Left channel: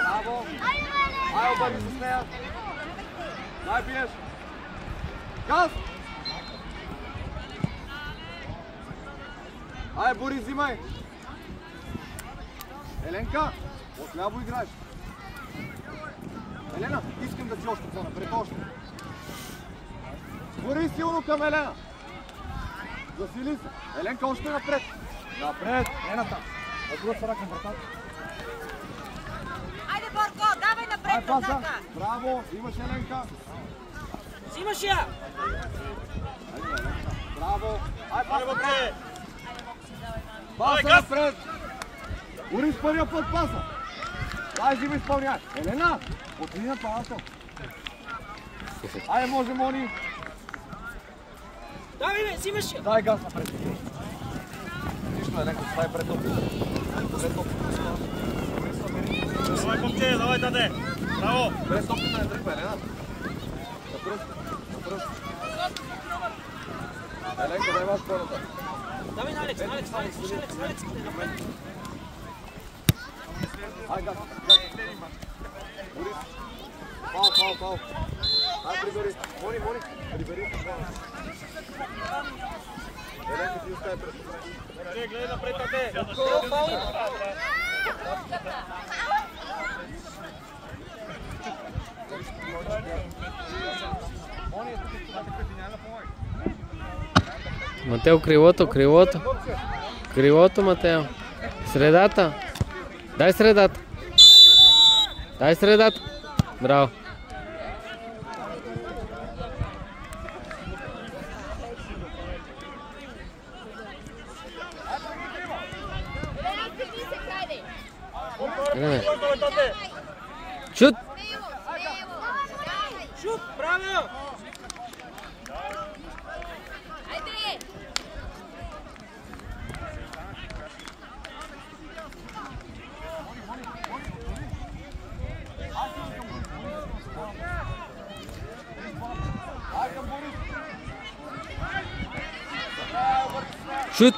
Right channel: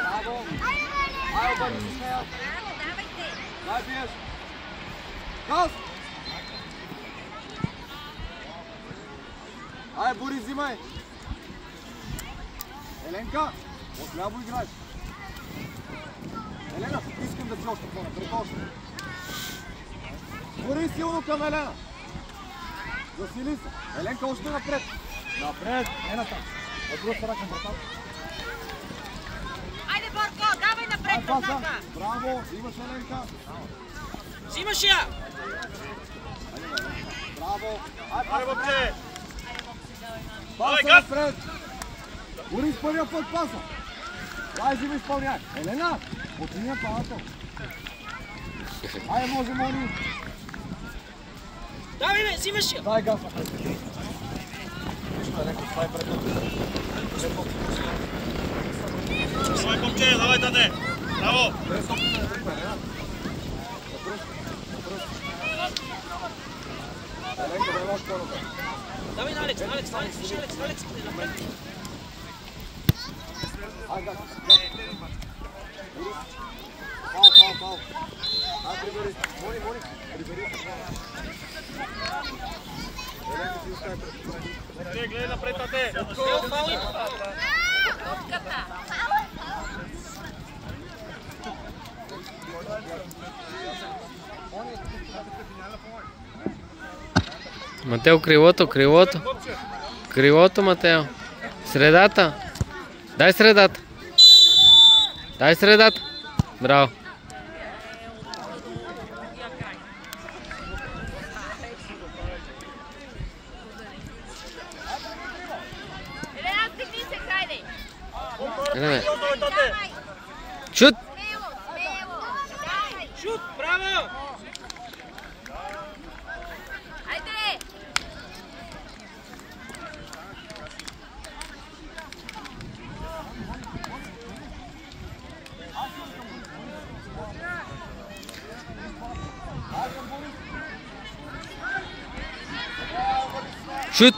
Bravo! Aj, obrni se smeo! Daj, biješ! Gaz! Aj, Boris, взимай! Еленка, отляво играеш! Елена, искам да си още по-напред, още! Борис, силно към Елена! Засили се! Еленка, още напред! Напред! Ената! От друга страна към вратата! Айде, Борко, давай напред вратата! Браво! Имаш Еленка! Взимаш я! Айде, Еленка! Браво! Айде, вътре! Паса напред! Борис, първия път паса! Дай, взима изпълняй! Елена! Отиди на палата! Айде, може, Мони! Давай, бе, взимаш я! Дай газ напред! Виж ме, Еленка, стай пред отиди! Давай, момче, давай, тате! Браво! Без опита не тръгва, Елена! Напръст! Напръст! Еленка, дай ваш по-напред! Давай на Алекс, Алекс, напред! Ай, газ! Борис! Пал! Ай, прибери! Мони! Прибери се, Мони! Еленка, ти остави пред! Гледай напред, тате! Фал има! Матео, крилото, Матео. Средата. Дай средата. Браво. Шут. Шут, браво! Шут.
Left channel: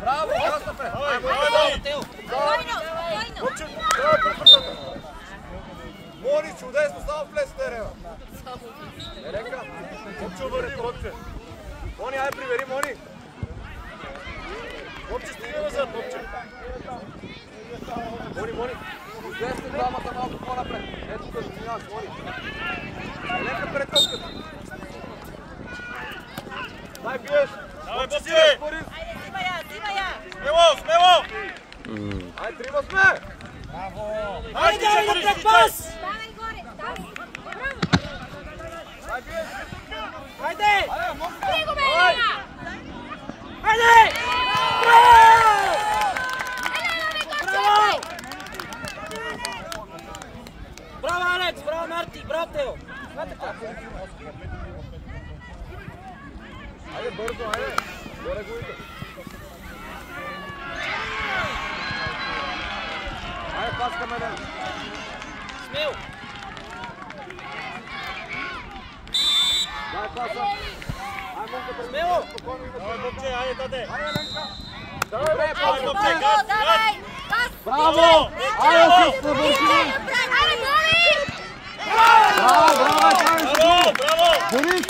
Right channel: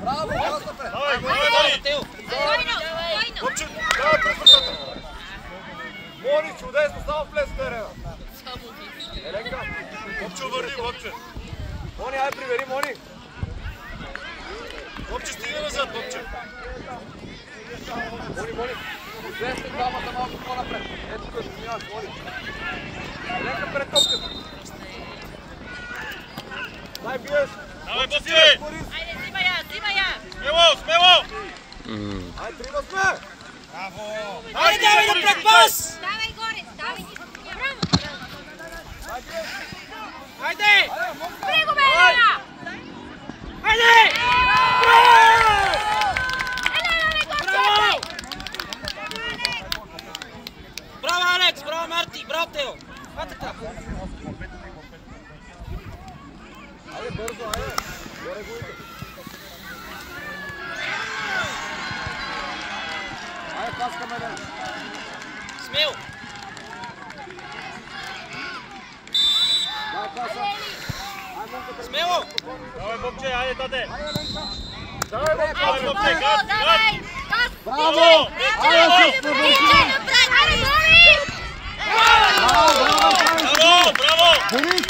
Браво, газ напред! Мони, чудесно, само влез в терена! Еленка! Момче, върни, момче! Мони, ай, прибери, Мони! Момче, стига назад, момче! Мони! Десте двамата малко по-напред! Ето да заминаваш, Мони! Еленка пред топката! Дай, биеш! Давай, момче! Айде, взима я! Смело! Ай, трима сме! Браво! Айде, давай напред, пас! Давай горе, давай! Айде! Прего, бе, Елена! Айде! Браво! Браво, Алекс! Браво, Марти! Браво, Тео! Това така! Айде, бързо, айде! Горе гуйте! Айде, пас към Елена! Смело! Дай паса! Ай, Монка, пред... Смело! Давай, момче, айде, тате! Айде, Еленка! Давай, момче, газ! Давай! Браво! Айде, се спребълчи! Браво! Борис!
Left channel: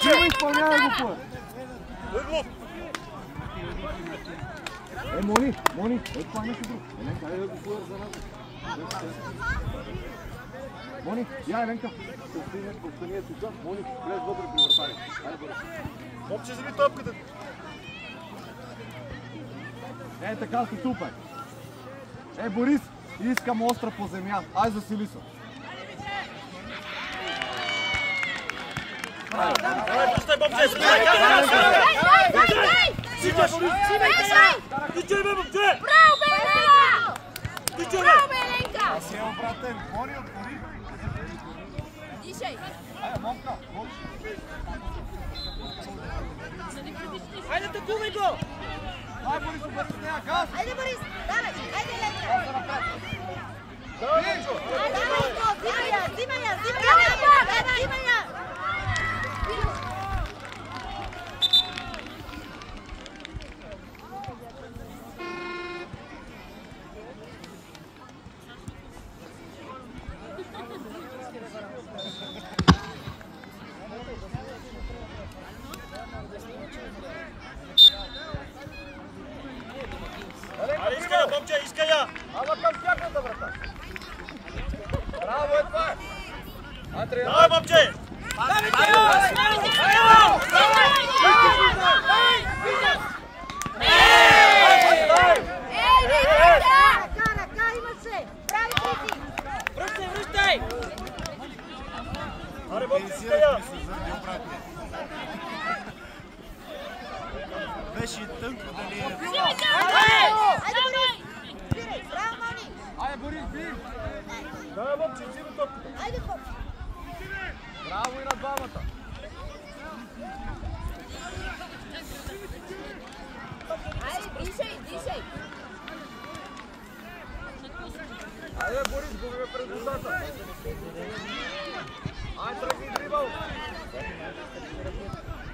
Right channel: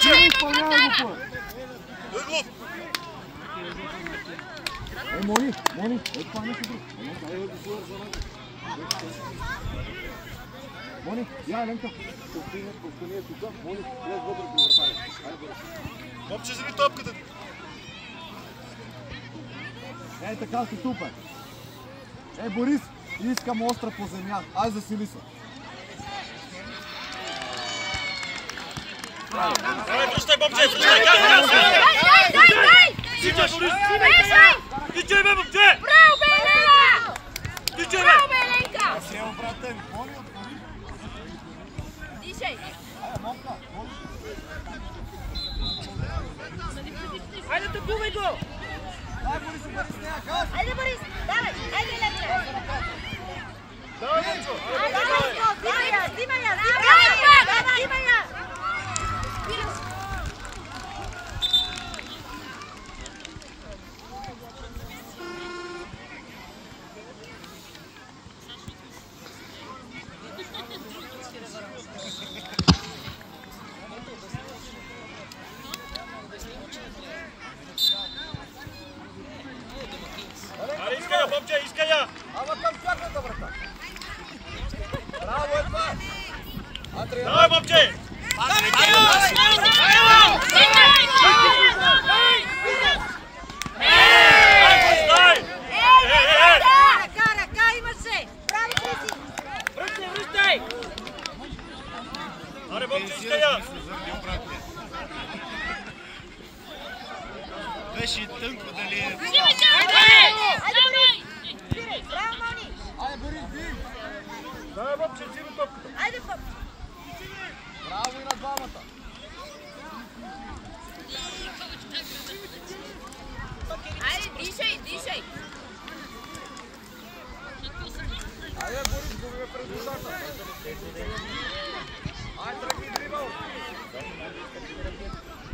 Чива изпълнява го път! Мони! Ето това нещо друг! Еленка, айде да го пуер за нас! Мони, я, Еленка! Остани е тука! Мони, влез вътре при вратаря! Айде, Борис! Момче, вземи топката. Е, така си супер. Е, Борис, искам остра по земя. Ай, засили се. Връщай, момче, връщай! Тичай, Борис! Тичай, бе, момче! Браво, бе, Еленка! Тичай, Браво, бе! бе, Еленка! Аз имам братен, гони от Борис. Дишай! Айде, момка, гони. Айде, атакувай го! Ай, Борис, бъде с нея, газ! Айде, Борис! Давай! Айде, Еленка! Давай, момчо! Айде, давай! Взимай я! Взимай я! Аре, искай я, момче, искай я! Ама към всяката, брата. Браво, е това! А, трябва. Давай, момче! Ръка имаше! Прави си! Връщай, връщай! Аре, момче, искай я! Беше тънко дали е. Айде, Борис, бий! Давай, момче, вземи топката. Браво и на двамата! Айде, дишай, дишай! Айде, Борис, губи ме пред душата! Айде, тръгни дрибъл!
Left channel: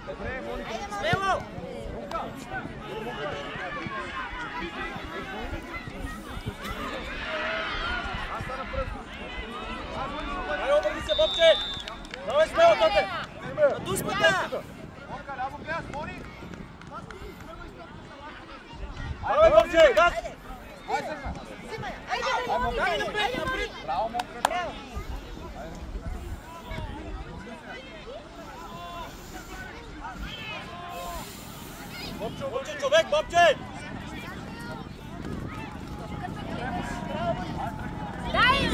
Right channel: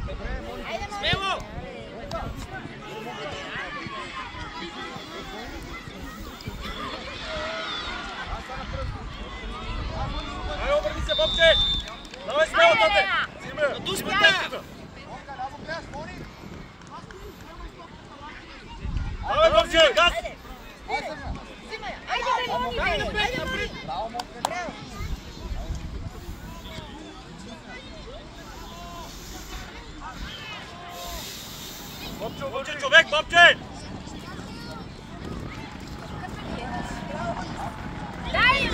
Добре, Моника! Смело! Аз стана пръсто! Ай, обърни се, момче! Давай смело, тате! На дуспата! Монка, ляво газ, Мони! Давай, момче, газ! Айде, Сергна! Взимай я! Айде, Давай напред, напред! Браво, Монка, браво! Момче, човек, момче! дай им!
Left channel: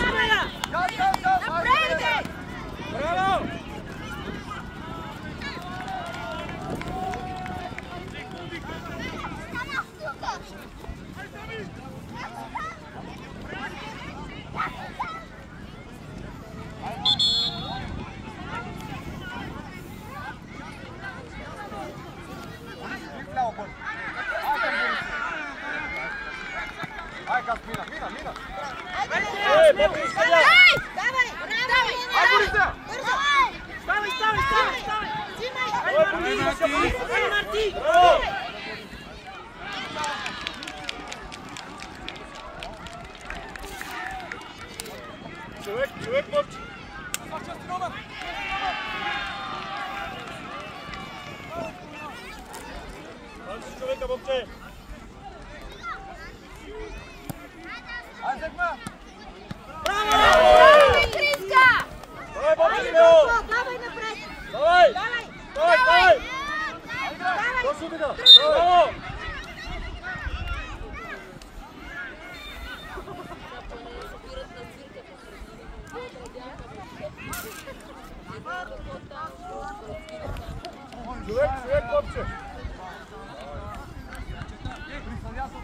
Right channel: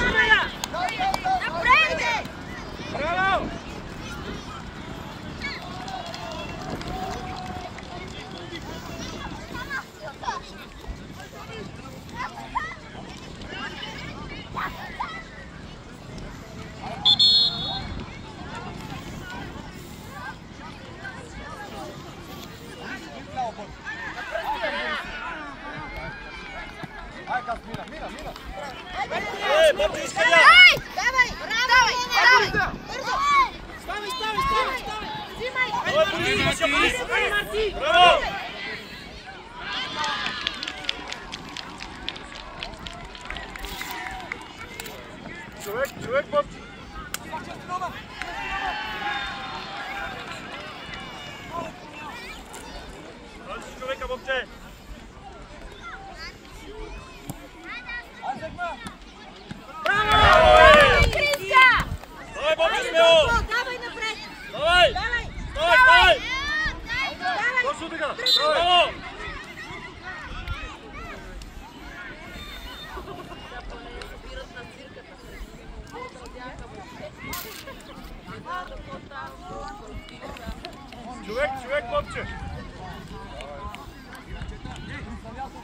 Напред, бе! Браво! Ай, как мина! Ей, момче, искай я! Давай! Давай! Ставай, ставай, ставай, ставай! Взимай! Давай, Борис, Борис! Айде, Марти! Браво! Човек, момче! Човека, момче! Ай, Сергна! Давай, Криска! Давай, момче, смело! Давай напред! Давай! Давай! Давай! Давай! Точно така! Браво! Човек, момче! Браво,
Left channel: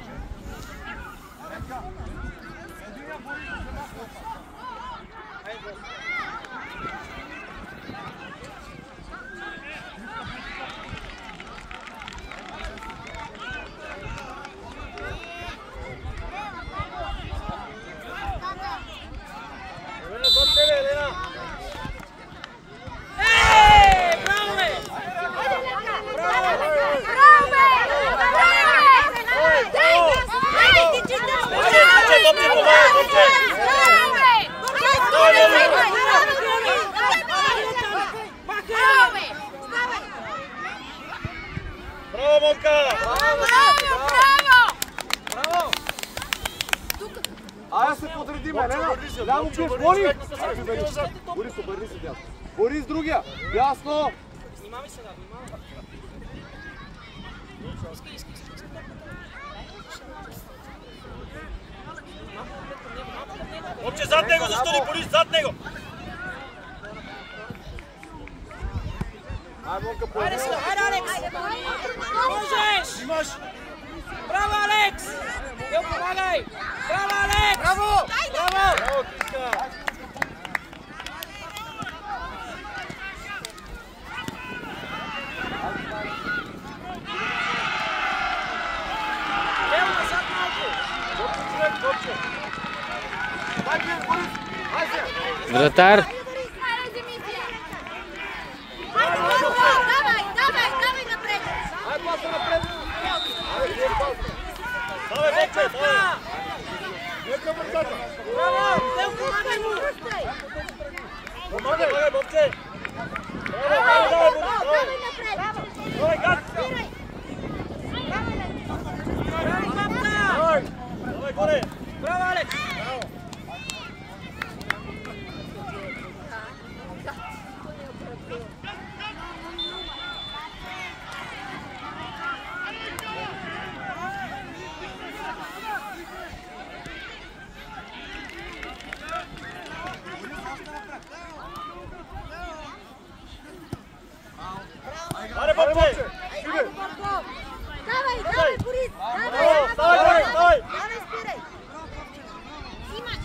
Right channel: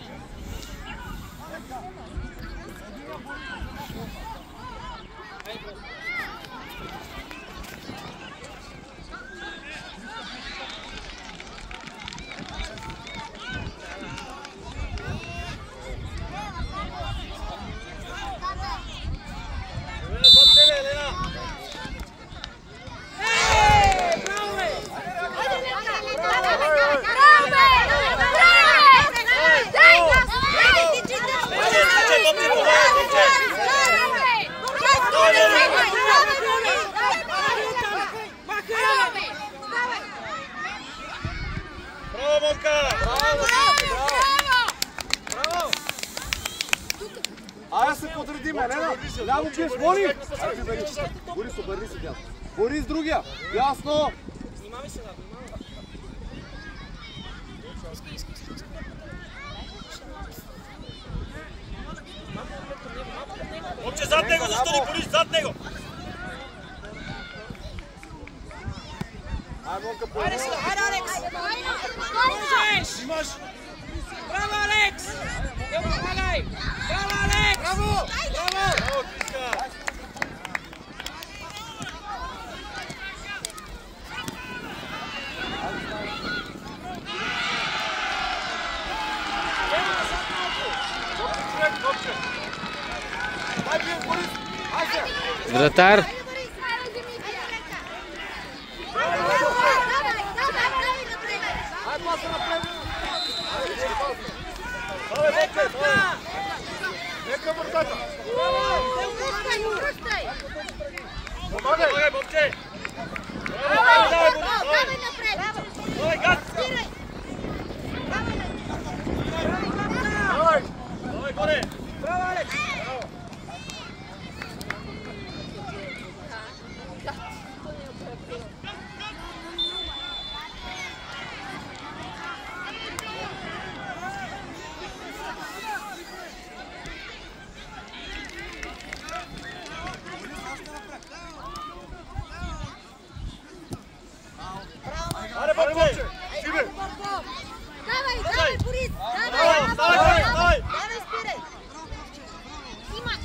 бе! Браво, Монка! Айде се подредим, Елена! Ляво пиеш, Мони! Айде, Борис! Борис, обърни се дясно. Борис, другия! Дясно! Момче, зад него застани, Борис, зад него! Ajde Alex! Možeš! Имаш! Bravo Alex! Evo pomagaj! Bravo Alex! Bravo! Bravo! Браво, Кришка! Evo ga sad malko! Дай бил, Борис! Айде! Вратар. Давай напред! Давай, момче, давай! Нека вратата! Помагай, момче! Давай напред! Давай, газ! Давай! Давай, горе! Bravo Alex! Браво! Аре, момче! Айде, Борко! Давай, Борис! Браво, ставай, горе, ставай! Давай, спирай! Снимаш!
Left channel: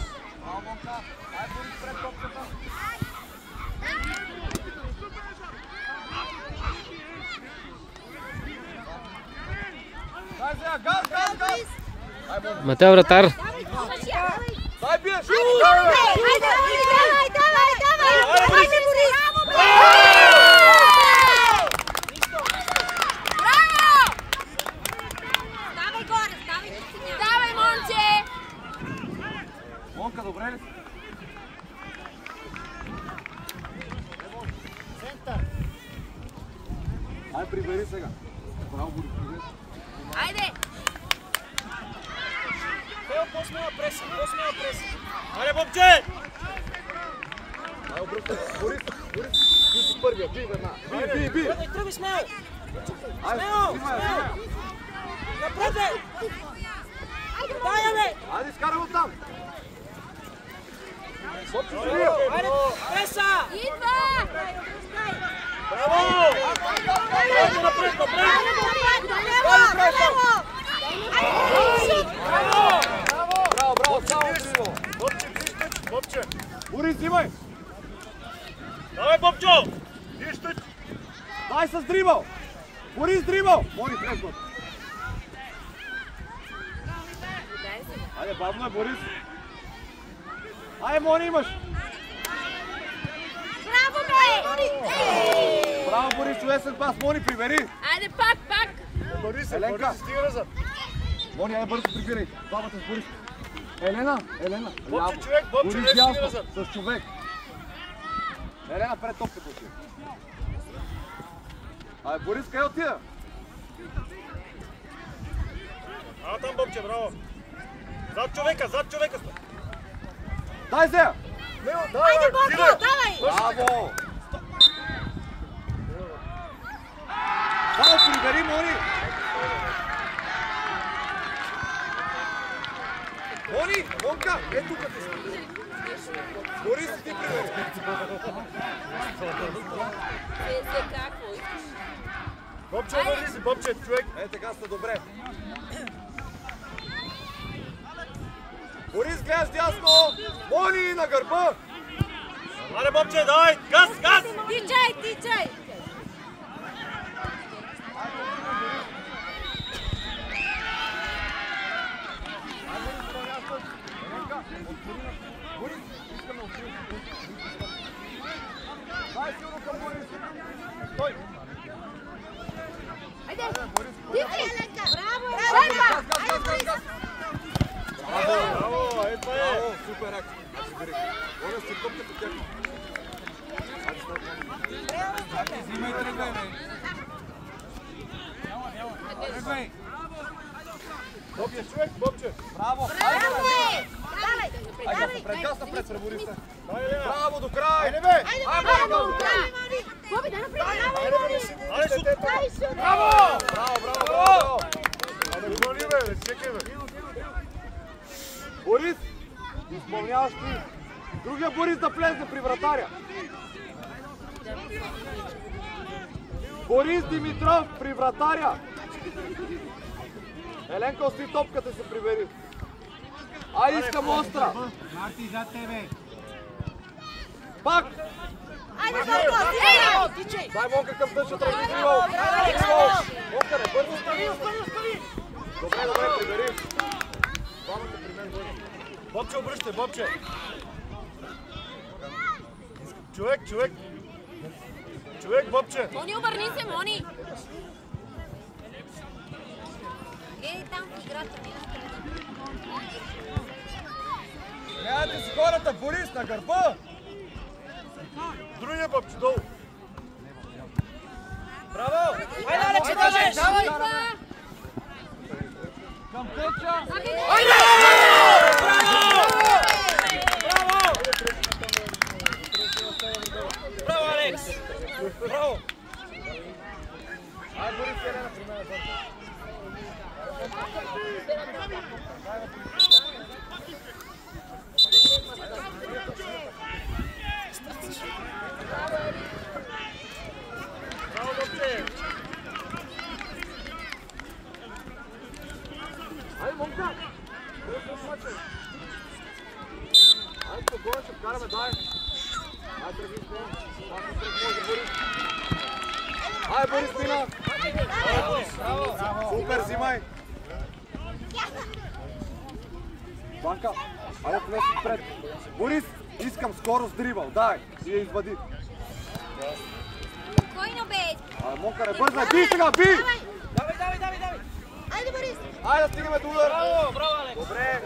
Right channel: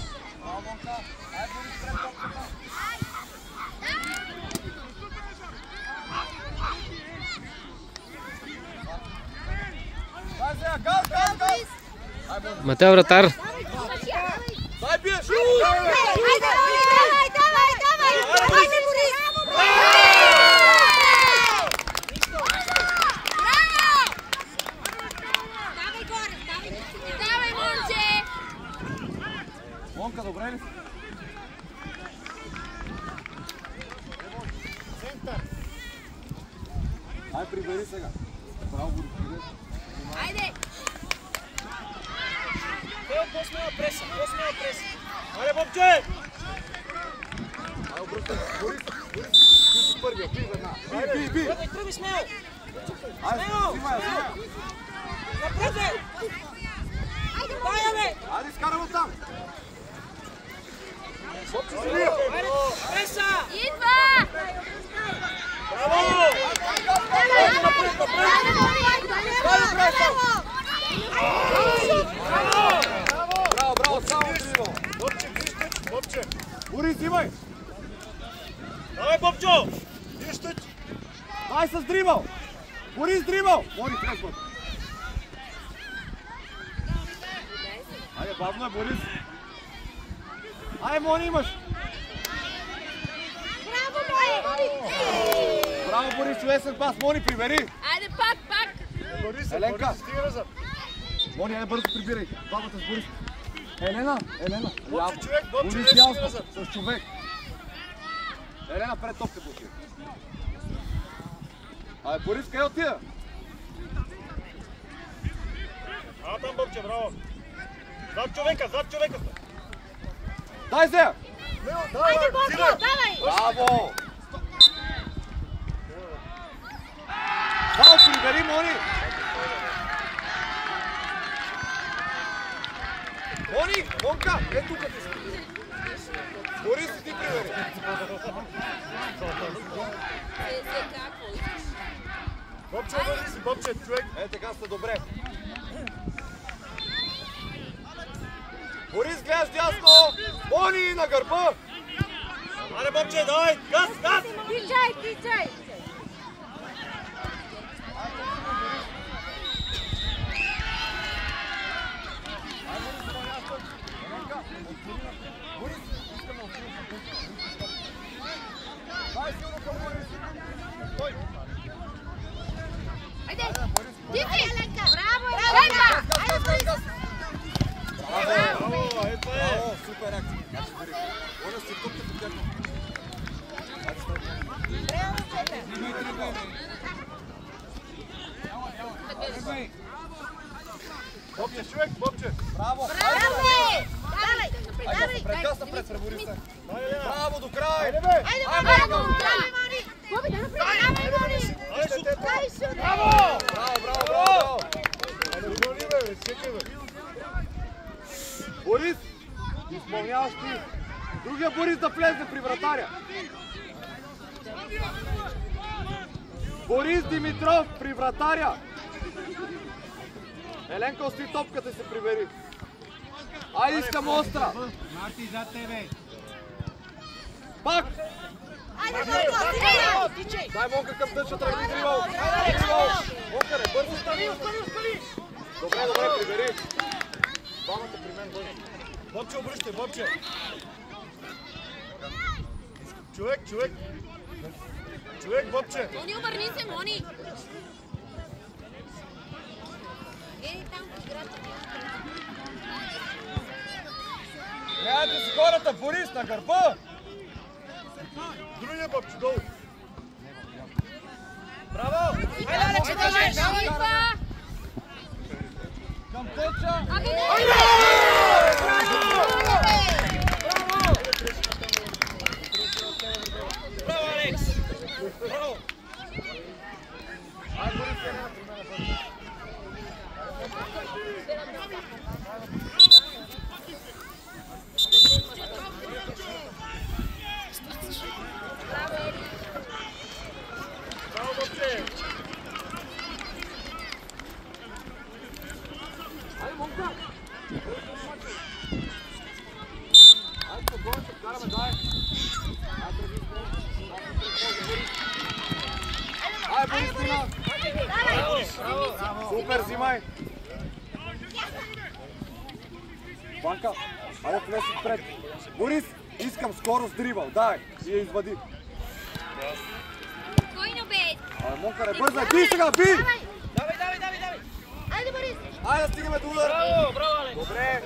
Газ, газ, газ! Матео, вратар. Давай, помаш я! Дай биеш! Айде, давай! Айде, Борис! Браво! Ставай горе, ставай, момче! Монка, добре ли си? Ай, прибери сега. Браво, Борис. Айде! По-смела преса, по-смела преса! Аре, момче! Борис, ти си първия, би веднага. Би! Тръби смело! Айде, снимай! Напред бе! Дай бе! Айде, изкарай от там! Преса! Идва! Браво! Браво, напред, напред! Браво, само дриво! Момче, вижте, момче! Борис, взимай! Давай, момчо! Вижте! Дай с дрибъл! Борис, дрибъл! Борис, резко! Айде, бавно е, Борис! Айде, Мони, имаш! Браво, Борис, лесен пас! Мони, прибери! Айде, пак! Борис, Еленка. Борис, стига назад! Мони, айде бързо прибирай! Двамата с Борис! Елена! Момче, човек, момче, Борис, не стига ясно! назад! С човек! Елена, пред топката си! Айде, Борис, къде отида? А, там, момче, браво! Зад човека! Дай се! Айде, Борко, давай! Браво! Само прибери, Мони! Мони, Монка, ето тук ти си. Борис, ти прибери. Момче, върви си, момче, човек! Е, така сте добре. Борис, гледаш дясно! Мони, на гърба! Аре, момче, давай! Газ! Тичай! Айде! Тичай! Браво! Браво, е това е! Браво, супер акция. Оля си топка по теб. Бобче, човек, Бобче. Браво! Айде, напред, газ напред, пребори се. Давай, Елена! Браво, до край! Айде, бе! Боби, да напред! Айде, шут! Дай шут! Браво! Браво! Другия Борис да влезе при вратаря. Борис Димитров при вратаря. Еленка, остави топката и се прибери. Айде, искам остра. Пак. Дай Монка към дъжа, тръгни Дривал. Монка, не бързи тръгни. Добре, прибери. Двамата при мен бъде. Бобче, обръщай, Бобче! Човек, Бобче! Мони, обърни се, Мони! Ей, там в играта. Гледайте си хората, Борис, на гърба! Другия Бобче, долу! Браво! Айде, Алекс, можеш! Към Печа! Браво, Алекс! Браво! Браво, Бобче! Айде, Монка! Айде, спокойно, ще вкараме, дай! Айде, тръгни спокойно! Айде, Борис, стига! Супер, взимай! Банка, айде влез отпред! Борис, искам скоро с дрибъл, дай! И я извади! Спокойно, бе! Монка, не бързай, би сега, би! Давай! Айде, Борис! Айде да стигаме до удар! Браво, Алекс! Добре!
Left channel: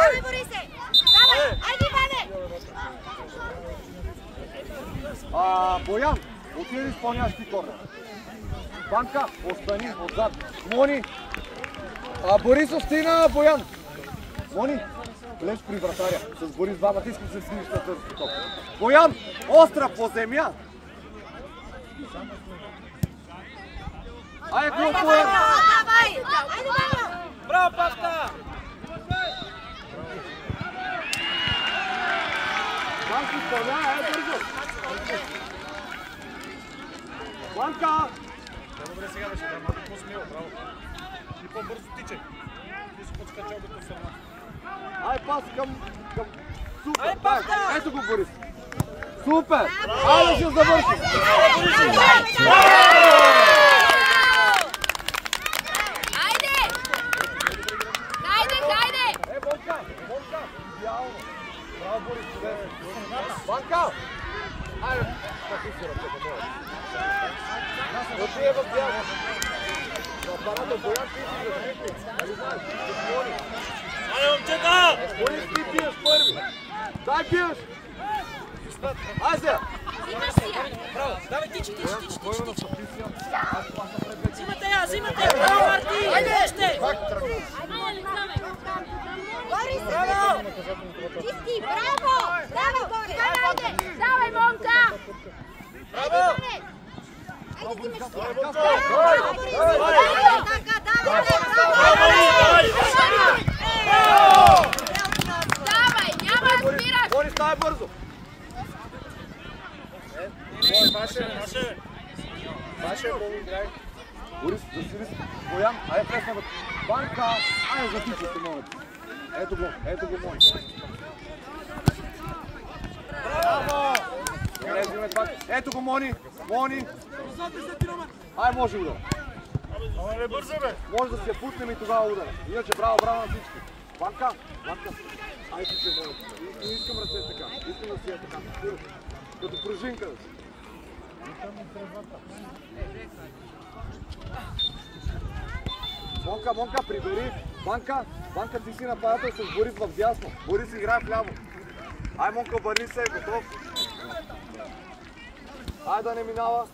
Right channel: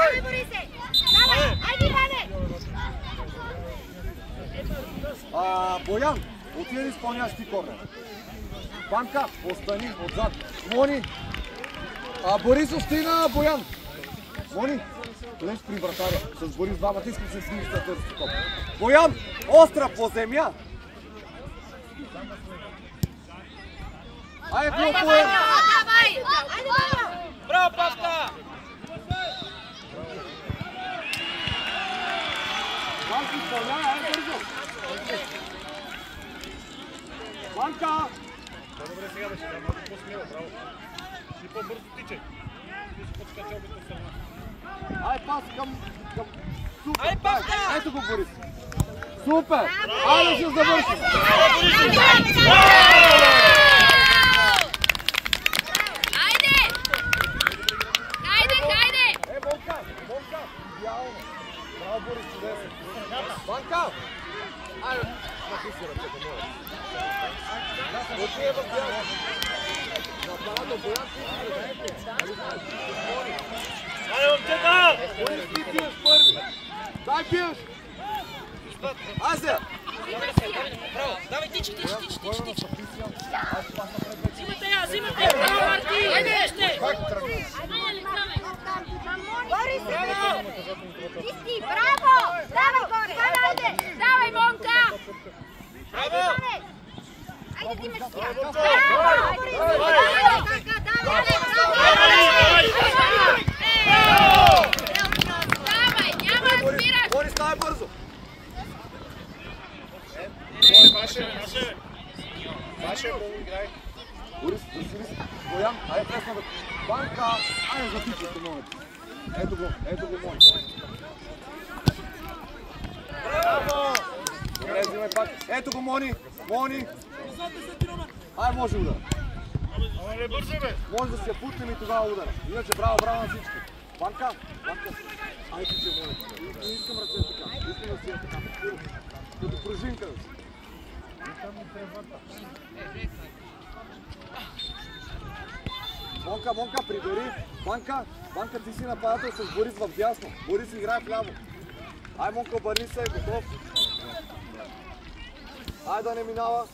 Айде, Борисе! Давай! Айде, Иване! Боян, отиде да изпълняваш ти корнер. Банка, остани отзад. Мони! Борис, остина, Боян! Мони, влез при вратаря. С Борис двамата искам се снижи да търсите топ. Боян, остра по земя! Айде, клуб, Боян! Давай! Айде, Ваня! Браво, Павка! Банка, изпълнява, бързо! Банка! Добре, сега беше, да, малко по-смело, браво. И по-бързо тичай. Ти си подскачал до страна. Ай, пас към... Супер! Ай, Павка! Ето го, Борис! Супер! Айде, ще завърши! Айде! Хайде! Монка! Идеално! Браво, Борис, чудесно! Банка! Айде! Какви си ръцете, моля? Отивай в дясно! Парада, Боян, ти си превете! Айде, момчета! Борис, ти пиеш първи! Дай пиеш! Айде! Браво! Давай, тичи! Взимате я! Браво, Марти! Още! Айде, Мони, Марти, оттам! Борис! Браво! Чисти! Браво! Давай, Монка! Давай, Монка! Браво! Айде, ти ме Давай, Бобчо! Давай, няма да спираш! Борис, дай бързо! Ваше, много играй. Борис, засили се. Боян, айде пресна да... Банка! Айде затичай се, моля. Ето го, моля. Добре, взимай пак. Ето го, Мони! Ай, може удар. Ама не бързай, бе. Може да се я пуснем и тогава удара. Иначе браво на всички. Банка! Айде ти се върна. Не искам ръце така. Искам да си я така. Като пружинка да си. Монка, прибери. Банка, ти си нападател с Борис в дясно. Борис играе вляво. Ай, Монка, обърни се, готов. Ай, да не минава.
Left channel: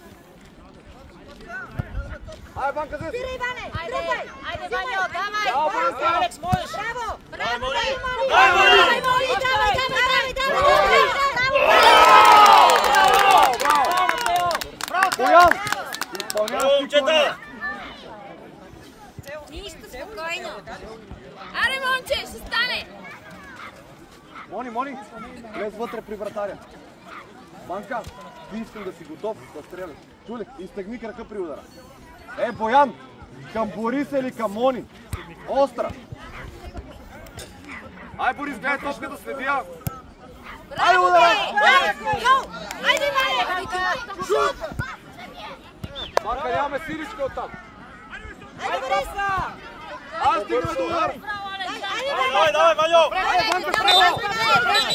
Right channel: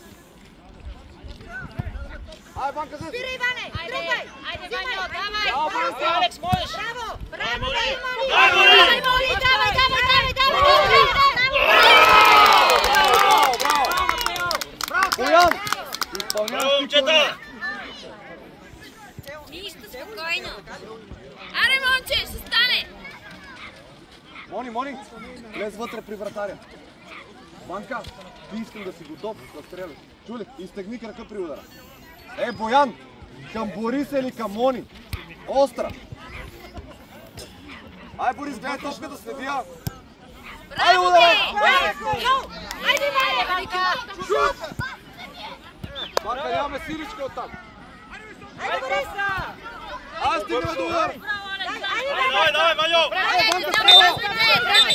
Ай, Банка, зе! Спирай, Иване! Тръпай! Айде, Ваня, давай! Алекс, можеш! Браво! Браво, Мони! Мони! Давай! Боян! Изпълняваш ти корнер. Нищо, спокойно! Аре, момче, ще стане! Мони, влез вътре при вратаря. Банка, ти искам да си готов да стреляш. Чули? Изтегни крака при удара. Боян, към Борис или към Мони? Остра. Ай, Борис, гледай точка да следи. Ай, ударай! Айде, Шут! Банка, нямаме сиричка оттам. Айде, Борис! Ай, стигна до удар! Айде, Давай, Ваньо! Айде,